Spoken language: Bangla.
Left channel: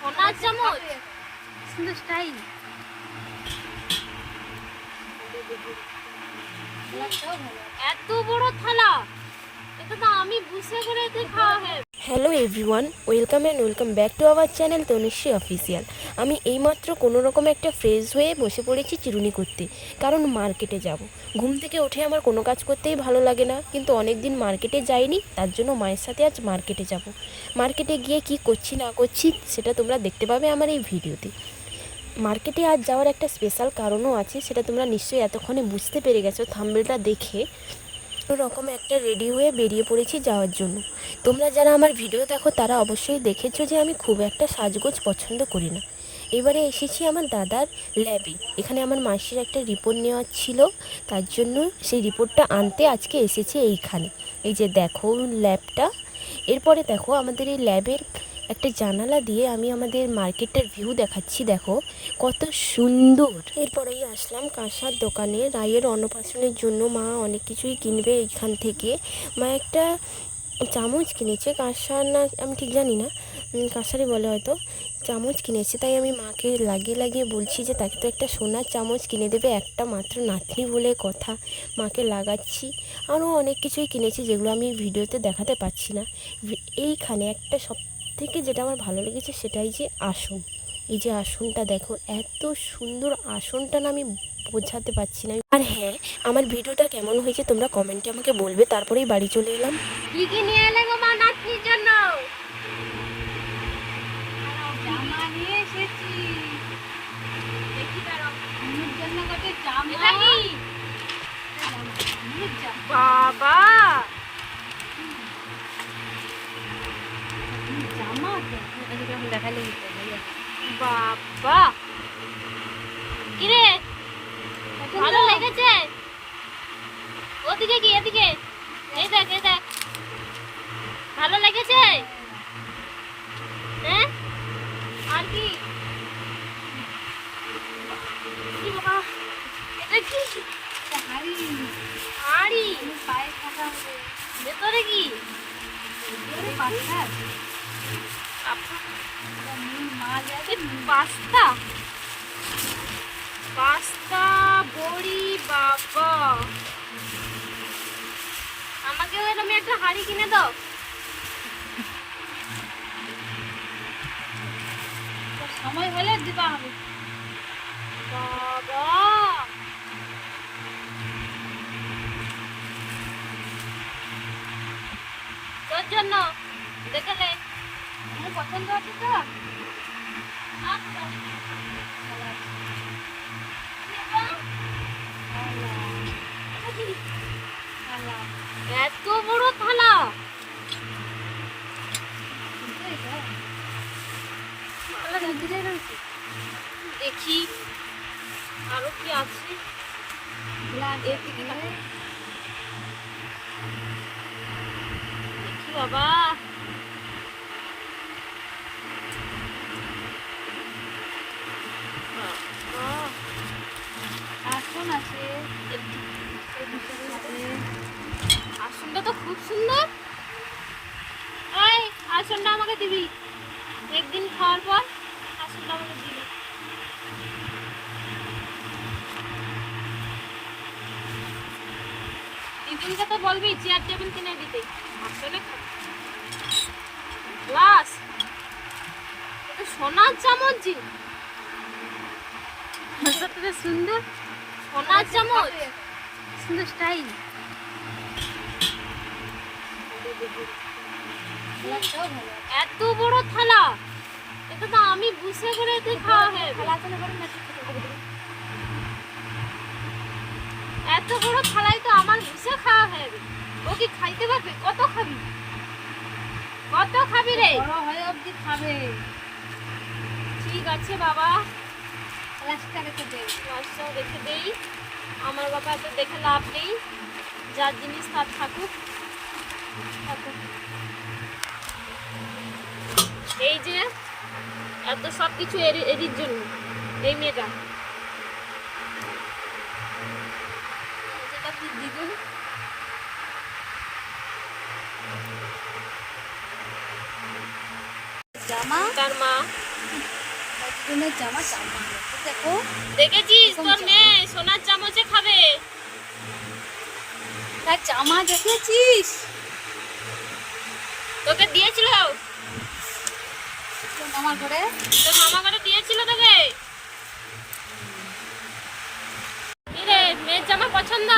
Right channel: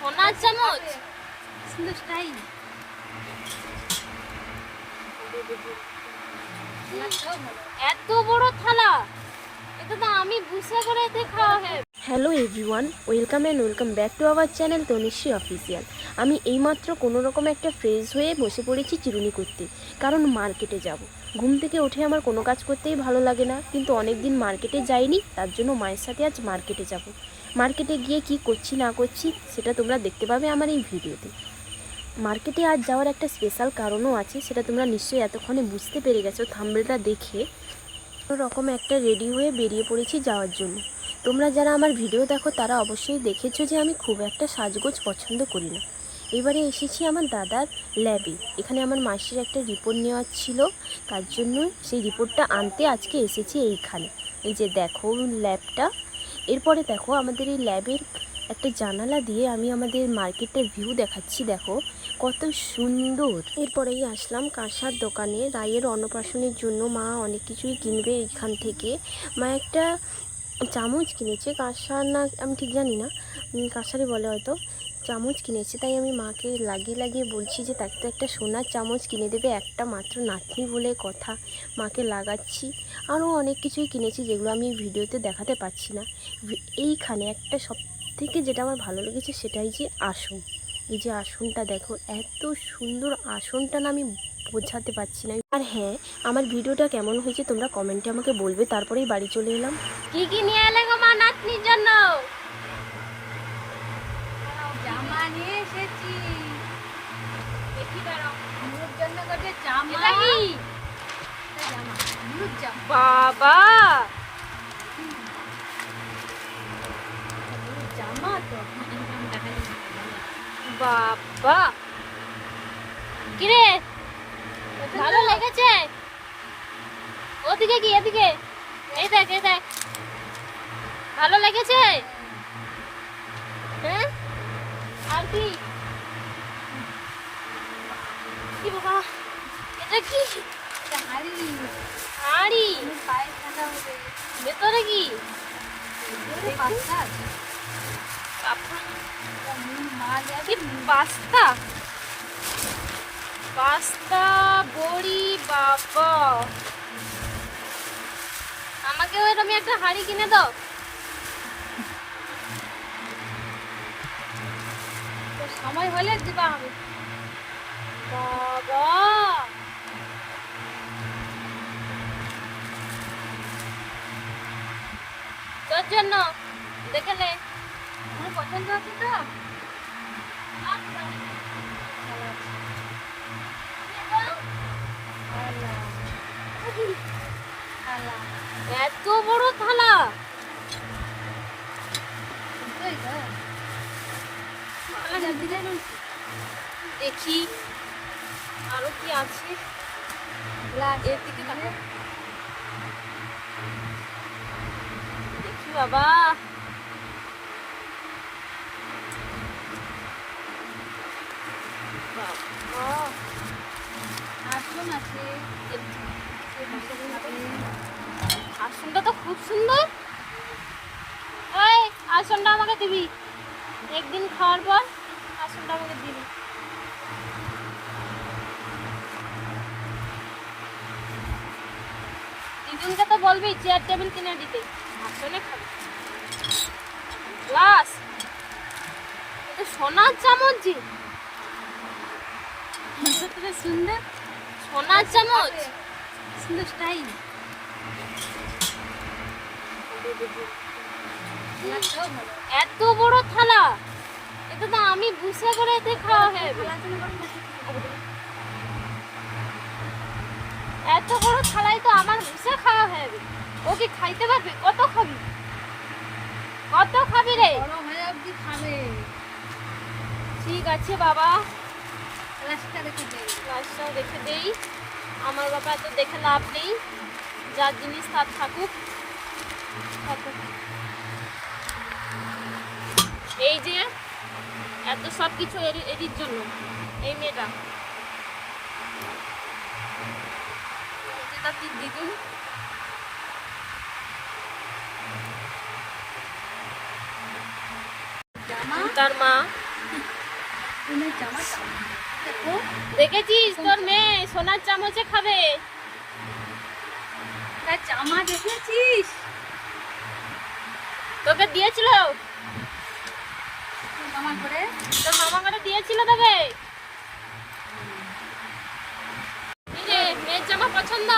সোনার চামচ, সুন্দর স্টাইল। এত বড় থালা, এটা তো আমি বুঝে করে এতে খাওয়া হয়। Hello everyone, welcome and welcome back to our channel Tanushree official. আমি এইমাত্র কোনো রকম একটা ফ্রেশ হয়ে বসে পড়েছি চিরুনি করতে, কারণ মার্কেটে যাব। ঘুম থেকে উঠে আমার কোনো কাজ করতেই ভালো লাগে না, কিন্তু অনেক দিন মার্কেটে যাইনি, তার জন্য মায়ের সাথে আজ মার্কেটে যাব। মার্কেটে গিয়ে কি করছি না করছি সেটা তোমরা দেখতে পাবে আমার এই ভিডিওতে। মার্কেটে আজ যাওয়ার একটা স্পেশাল কারণও আছে, সেটা তোমরা নিশ্চয়ই এতক্ষণে বুঝতে পেরে গেছো থাম্বনেলটা দেখে। রকম একটা রেডি হয়ে বেরিয়ে পড়েছি যাওয়ার জন্য। তোমরা যারা আমার ভিডিও দেখো তারা অবশ্যই দেখেছো যে আমি খুব একটা সাজগোজ পছন্দ করি না। এবারে এসেছি আমার দাদার ল্যাবে, এখানে আমার মাসির একটা রিপোর্ট নেওয়ার ছিল, তার জন্য সেই রিপোর্টটা আনতে আজকে এসেছি এইখানে। এই যে দেখো ল্যাবটা। এরপরে দেখো আমাদের এই ল্যাবের একটা জানালা দিয়ে আমি আমাদের মার্কেটটার ভিউ দেখাচ্ছি, দেখো কত সুন্দর। এরপরেই আসলাম কাঁসার দোকানে। রায়ের অন্নপ্রাশনের জন্য মা অনেক কিছুই কিনবে এইখান থেকে। মা একটা চামচ কিনেছে, কাঁসার না আমি ঠিক জানি না, কাঁসারই বলে হয়তো। চামচ কিনেছে, তাই আমি মাকে লাগিয়ে লাগিয়ে বলছি যে তাকে তো একটা সোনার চামচ কিনে দেবে, একটা মাত্র নাতনি বলে কথা। মাকে লাগাচ্ছি। আরও অনেক কিছুই কিনেছি যেগুলো আমি ভিডিওতে দেখাতে পারছি না। এইখানে একটা সব থেকে যেটা আমার ভালো লেগেছে সেটাই যে আসন। এই যে আসনটা দেখো, এত সুন্দর আসনটা না আমি বোঝাতে পারছি না। আর হ্যাঁ, আমার ভিডিওটা কেমন হয়েছে তোমরা কমেন্টে আমাকে বলবে। তারপরেই বাড়ি চলে এলাম। কি কি নিয়ে এলে গো মা নাতনির জন্য? জামা নিয়ে এসেছি। দেখি কেন নুর জন্য কত জামা। এটা কি জামা? নুর জামা। বাবা, নুর জামা তো এদিকে আমি দেখালে কি করব? বাবা, কি রে, ভালো লেগেছে? ওদিকে কি এদিকে? এই দেখ, এই দেখ, ভালো লেগেছে? হ্যাঁ, আর কি? এটা কি? হাড়ি। হাড়ি পায়ে কাটা হবে। ভেতরে কি? ভেতরে পাস্তা। মাল আছে পাস্তা। পাস্তা বড়ি। বাবা, আমাকে ওইরকম একটা হাড়ি কিনে দাও। তো সময় হলে দিবা হবে। বাবা, তোর জন্য দেখলে আমার পছন্দ আছে তো। এত বড় থালা, দেখি আরো কি আছে। দেখি বাবা, আসন আছে। আসনটা তো খুব সুন্দর। এই আসনটা আমাকে দিবি একদিন খাওয়ার পর। আসনটা আমাকে দিবি। দিদুনকে তো বলবি চেয়ার টেবিল কিনে দিতে। গ্লাস, সোনার চামচ জি, সুন্দর সোনার চামচ, সুন্দর স্টাইল। এত বড় থালা, এটা তো আমি বুঝে করে এতে খাওয়া হয়। এত বড় থালাই তো আমার বুঝে খাওয়া হয়। ও কি খাইতে পারবে? কত খাবি? কত খাবি রে? বড় হয়ে অবধি খাবে। ঠিক আছে বাবা, গ্লাসটা রেখে দেই। গ্লাসটা রেখে দেই। আমার বাবা তো দেখে লাভ নেই, যার জিনিস তার থাকুক। এই যে এত সব কিছু এরির জন্য, এই মেয়েটা। এই যে তার দ্বিগুণ নতুনের জামা দেখো। দেখেছিস তোর মেয়ে সোনার চামচে খাবে। তার জামা দেখেছিস? তোকে দিয়েছিল, তোর মামা করে তোর মামা করে দিয়েছিল তোকে। কি রে, মেয়ের জামা পছন্দ?